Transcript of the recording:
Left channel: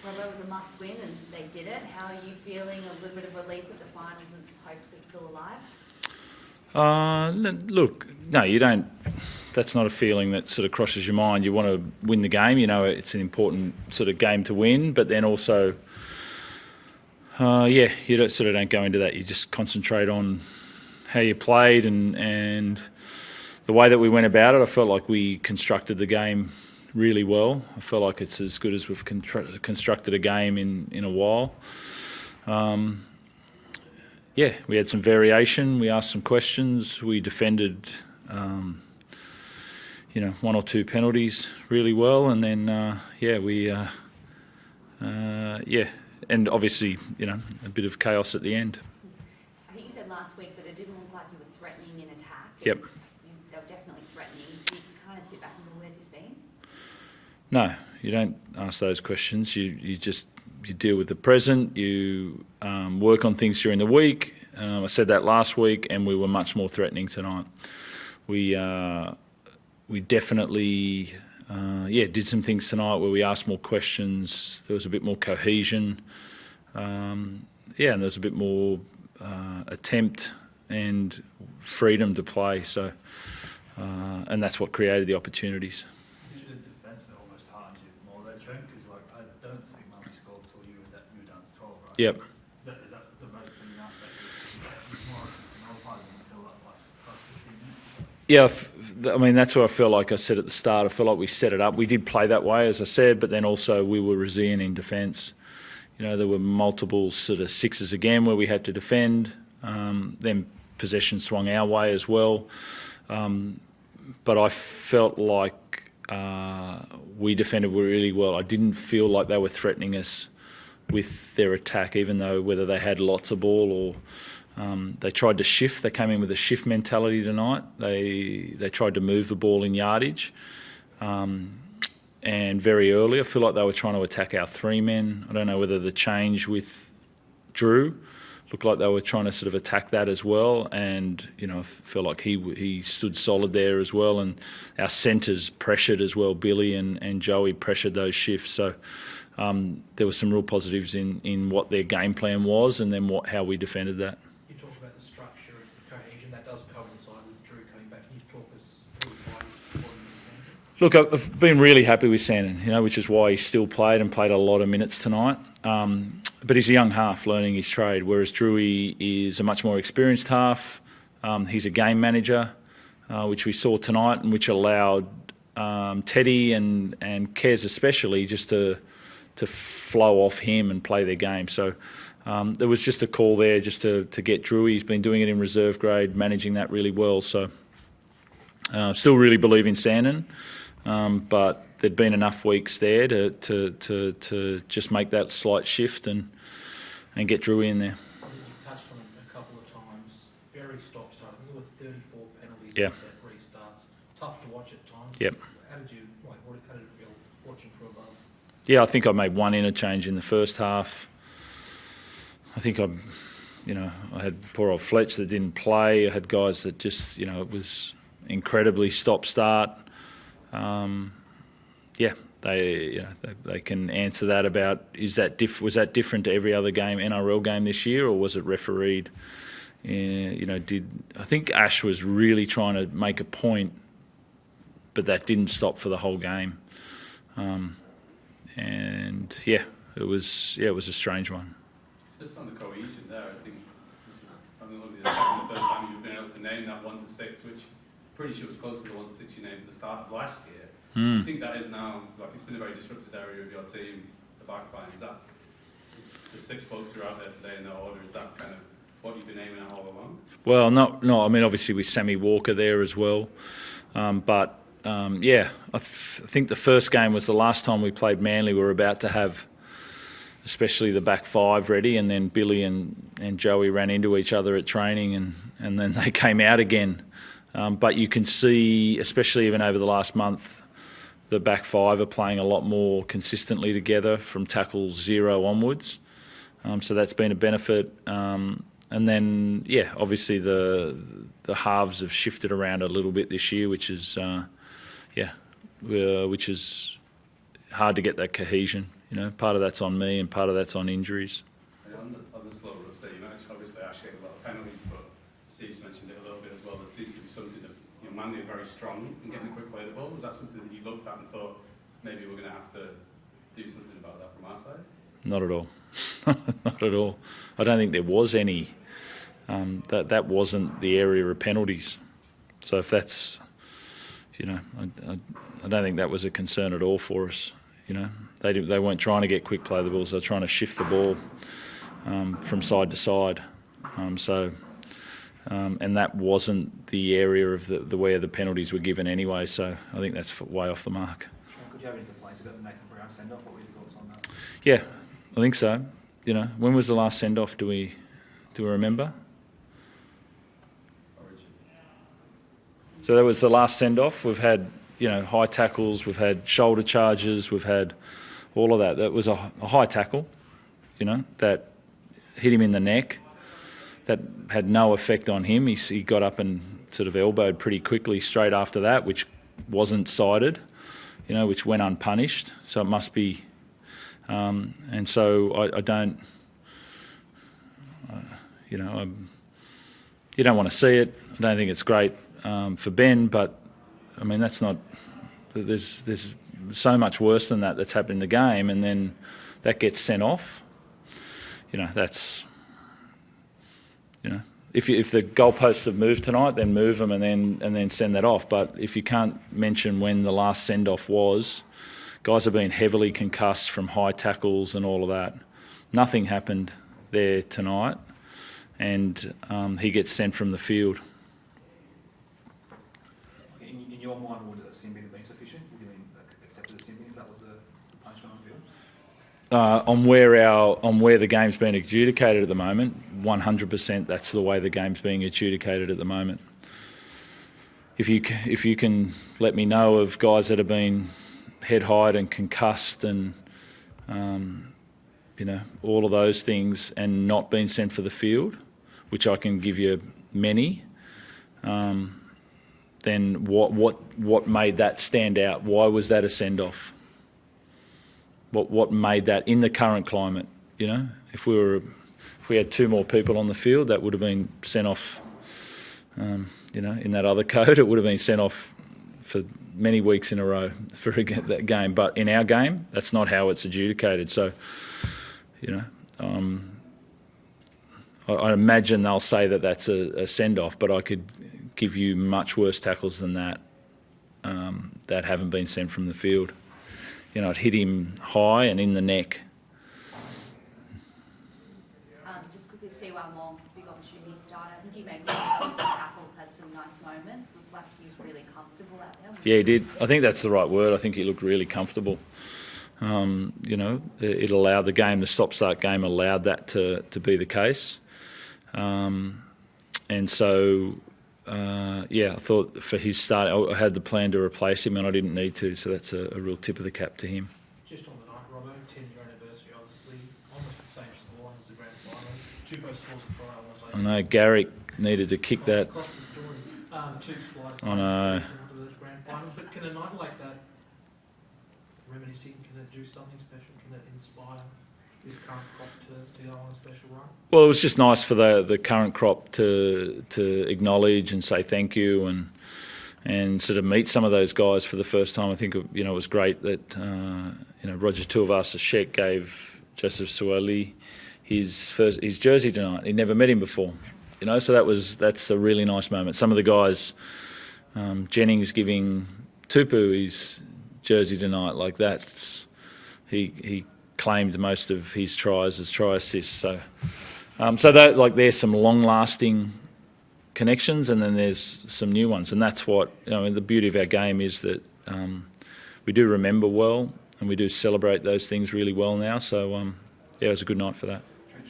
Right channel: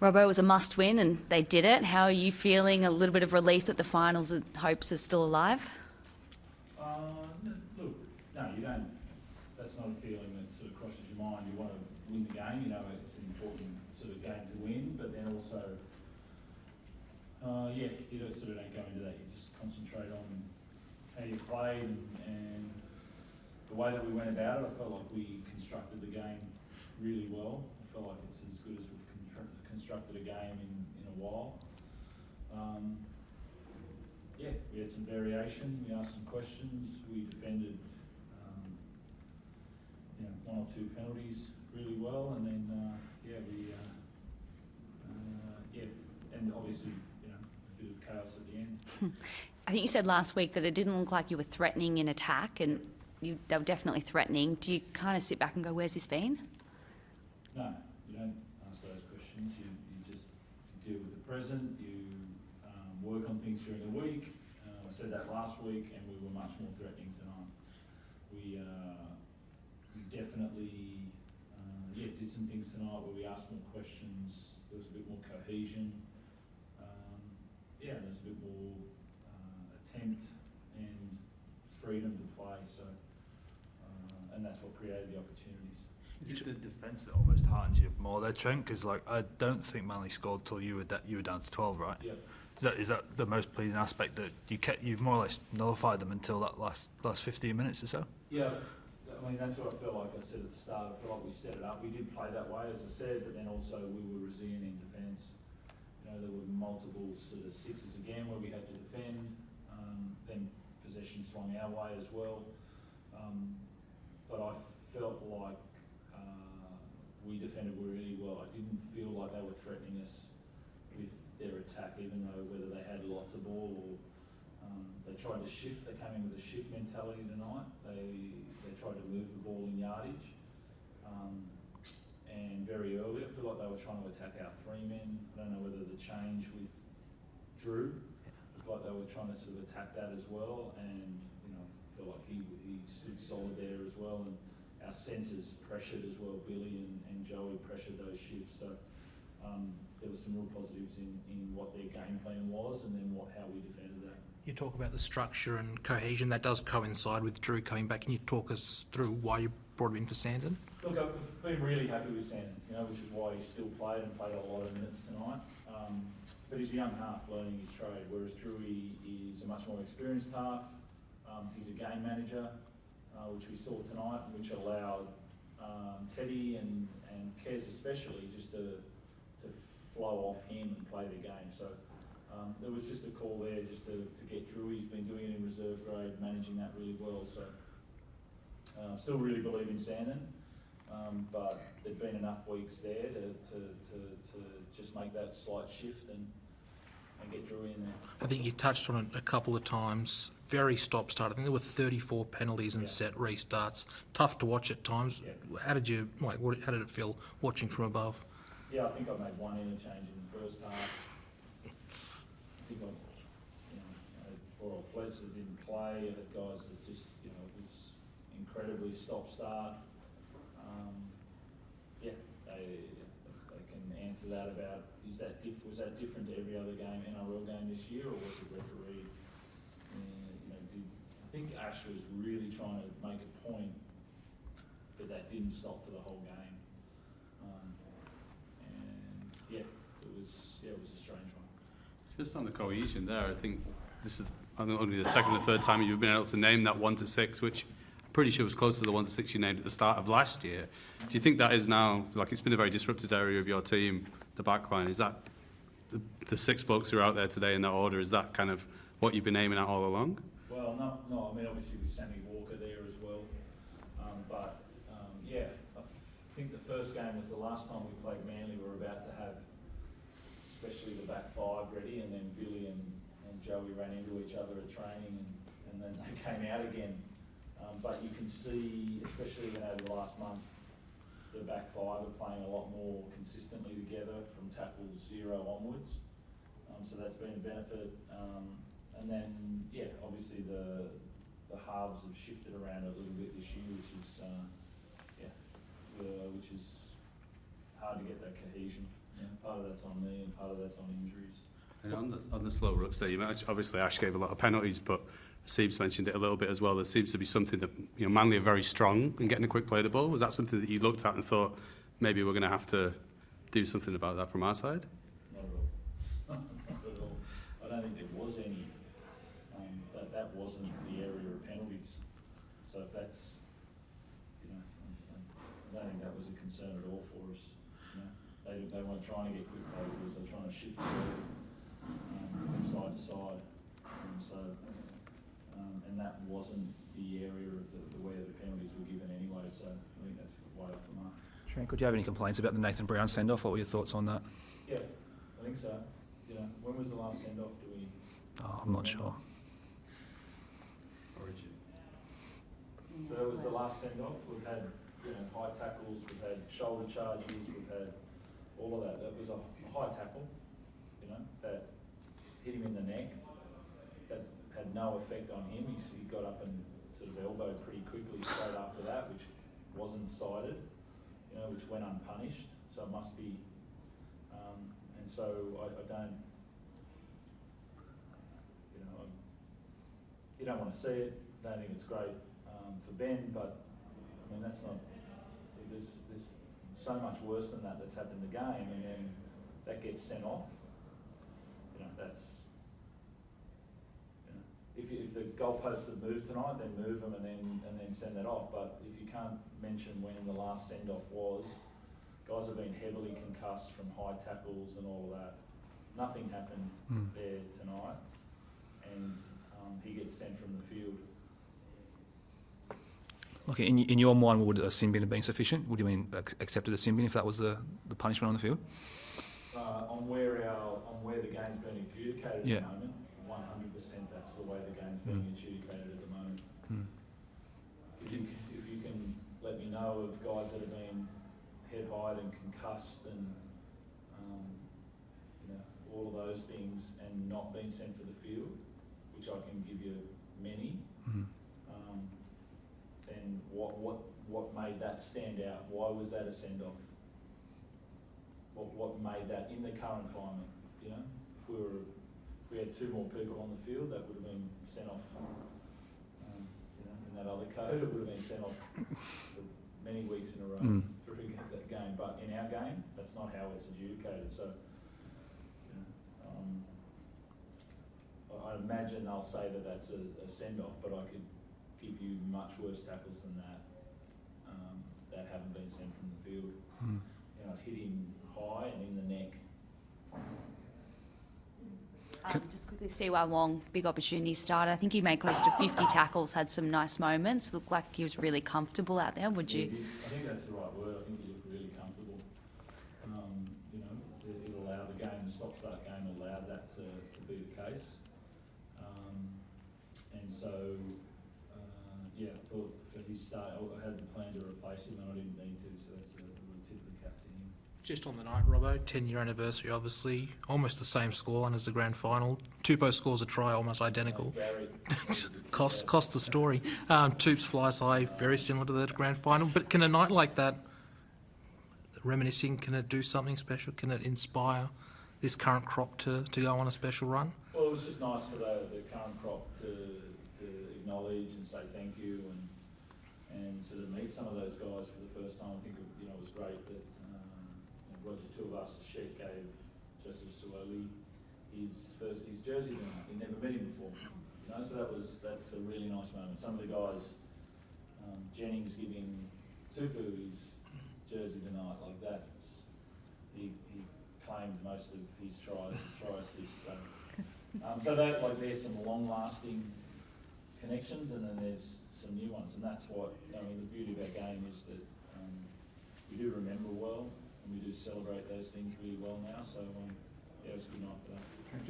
Robbo, it was a must-win and they did it. How are you feeling? A little bit of relief that the finals hopes are still alive? Look, no, you don't. That's not a feeling that sort of crosses your mind. You want to win the game. You know, it's an important sort of game to win, but then also, you don't go into that. You just concentrate on how you played and the way that we went about it. I felt like we constructed the game really well. I felt like it's as good as we've constructed a game in a while. We had some variation. We asked some questions. We defended, one or two penalties really well, and then and obviously a bit of chaos at the end. I think you said last week that it didn't look like you were threatening in attack. And yep. They were definitely threatening. Do you kind of sit back and go, "Where's this been?" No, you don't ask those questions. You deal with the present. You work on things during the week. I said that last week, and we were much more threatening tonight. We definitely did some things tonight where we asked more questions. There was a bit more cohesion. And there was a bit more attempt and freedom to play. So, and that's what created the opportunities. There, Trent, because I don't think Manly scored till you were down to 12, right? Yep. Is that the most pleasing aspect, that you more or less nullified them until that last 15 minutes or so? Yeah, I mean that's what I felt like I said at the start. I felt like we set it up. We did play that way, as I said, but then also we were resilient in defence. There were multiple sort of sixes again where we had to defend. Then possession swung our way as well. But I felt like we defended really well. I didn't feel like they were threatening us with their attack, even though whether they had lots of ball or they tried to shift. They came in with a shift mentality tonight. They tried to move the ball in yardage. And very early, I feel like they were trying to attack our three men. I don't know whether the change with Drew looked like they were trying to sort of attack that as well. And, I feel like he stood solid there as well. And our centres pressured as well. Billy and Joey pressured those shifts. So there were some real positives in what their game plan was and then how we defended that. You talk about the structure and cohesion. That does coincide with Drew coming back. Can you talk us through why you brought him in for Sandon? Look, I've been really happy with Sandon, which is why he still played a lot of minutes tonight. But he's a young half learning his trade, whereas Drewy is a much more experienced half. He's a game manager, which we saw tonight, and which allowed Teddy and Kez especially just to flow off him and play their game. So there was just a call there just to get Drewy. He's been doing it in reserve grade, managing that really well. So still really believe in Sandon, but there'd been enough weeks there to just make that slight shift and get Drewy in there. I think you touched on it a couple of times. Very stop-start. I think there were 34 penalties and set restarts. Tough to watch at times. Yep. How did it feel watching from above? Yeah, I think I made one interchange in the first half. I think I had poor old Fletch that didn't play. I had guys that just, it was incredibly stop-start. They can answer that about was that different to every other NRL game this year, or was it refereed? I think Ash was really trying to make a point, but that didn't stop for the whole game. It was a strange one. Just on the cohesion there, I think this is only the second or third time you've been able to name that 1 to 6, which I'm pretty sure was close to the 1 to 6 you named at the start of last year. Do you think that is now, it's been a very disrupted area of your team, the back line? Is that the 6 blokes who are out there today in that order, is that kind of what you've been aiming at all along? Well, no. I mean, obviously with Sammy Walker there as well. I think the first game was the last time we played Manly. We were about to have especially the back five ready, and then Billy and Joey ran into each other at training, and then they came out again. But you can see, especially even over the last month, the back five are playing a lot more consistently together from tackle 0 onwards. So that's been a benefit. And then, obviously the halves have shifted around a little bit this year, which is hard to get that cohesion part of that's on me and part of that's on injuries. And on the slow ruts there, obviously Ash gave a lot of penalties, but Siebes mentioned it a little bit as well. There seems to be something that Manly are very strong in getting a quick play of the ball. Was that something that you looked at and thought maybe we're going to have to do something about that from our side? Not at all. Not at all. I don't think there was any. That wasn't the area of penalties. So if that's, I don't think that was a concern at all for us. They weren't trying to get quick play of the balls. They were trying to shift the ball from side to side. And that wasn't the area of the where the penalties were given anyway. So I think that's way off the mark. Could you have any complaints about the Nathan Brown send-off? What were your thoughts on that? Yeah, I think so. When was the last send-off? Do we remember? Sure. So that was the last send-off. We've had, high tackles, we've had shoulder charges, we've had all of that. That was a high tackle, that hit him in the neck. That had no effect on him. He got up and sort of elbowed pretty quickly straight after that, which wasn't cited, which went unpunished. So it must be, and so I don't, you don't want to see it. I don't think it's great for Ben, but I mean that's not. There's so much worse than that that's happened in the game, and then that gets sent off. That's. If the goalposts have moved tonight, then move them and then send that off. But if you can't mention when the last send-off was, guys have been heavily concussed from high tackles and all of that. Nothing happened there tonight, and he gets sent from the field. Okay, in your mind, would a sin bin have been sufficient? Would you mean accepted a sin bin if that was the punishment on the field? On where the game's been adjudicated at the moment, 100% that's the way the game's being adjudicated at the moment. If you can let me know of guys that have been head high and concussed and all of those things and not been sent for the field, which I can give you many, then what made that stand out? Why was that a send off? What made that in the current climate? If we had two more people on the field, that would have been sent off. In that other code, it would have been sent off for many weeks in a row for that game. But in our game, that's not how it's adjudicated. So, I imagine they'll say that that's a send off, but I could give you much worse tackles than that that haven't been sent from the field. It hit him high and in the neck. Just quickly, Siwa Wong, big opportunity starter. I think he made close to 50 tackles, had some nice moments. Looked like he was really comfortable out there. He did. I think that's the right word. I think he looked really comfortable. It allowed the game, the stop-start game allowed that to be the case. And so... I thought for his start, I had the plan to replace him and I didn't need to, so that's a real tip of the cap to him. Just on the night, Robbo, 10-year anniversary, obviously, almost the same scoreline as the grand final. Tupou scores a try, almost identical. I know, Garrick needed to kick that. Cost the story. Tupes fly side, very similar to the grand final. But can a night like that, reminiscing, can it do something special? Can it inspire this current crop to go on a special run? Well, it was just nice for the current crop to acknowledge and say thank you and sort of meet some of those guys for the first time. I think it was great that Roger Tuivasa-Sheck gave Joseph Suoli his jersey tonight. He'd never met him before, so that's a really nice moment. Some of the guys, Jennings giving Tupu his jersey tonight, like that. He claimed most of his tries as try assists. So that there's some long-lasting connections, and then there's some new ones, and that's what the beauty of our game is that we do remember well, and we do celebrate those things really well now. So it was a good night for that.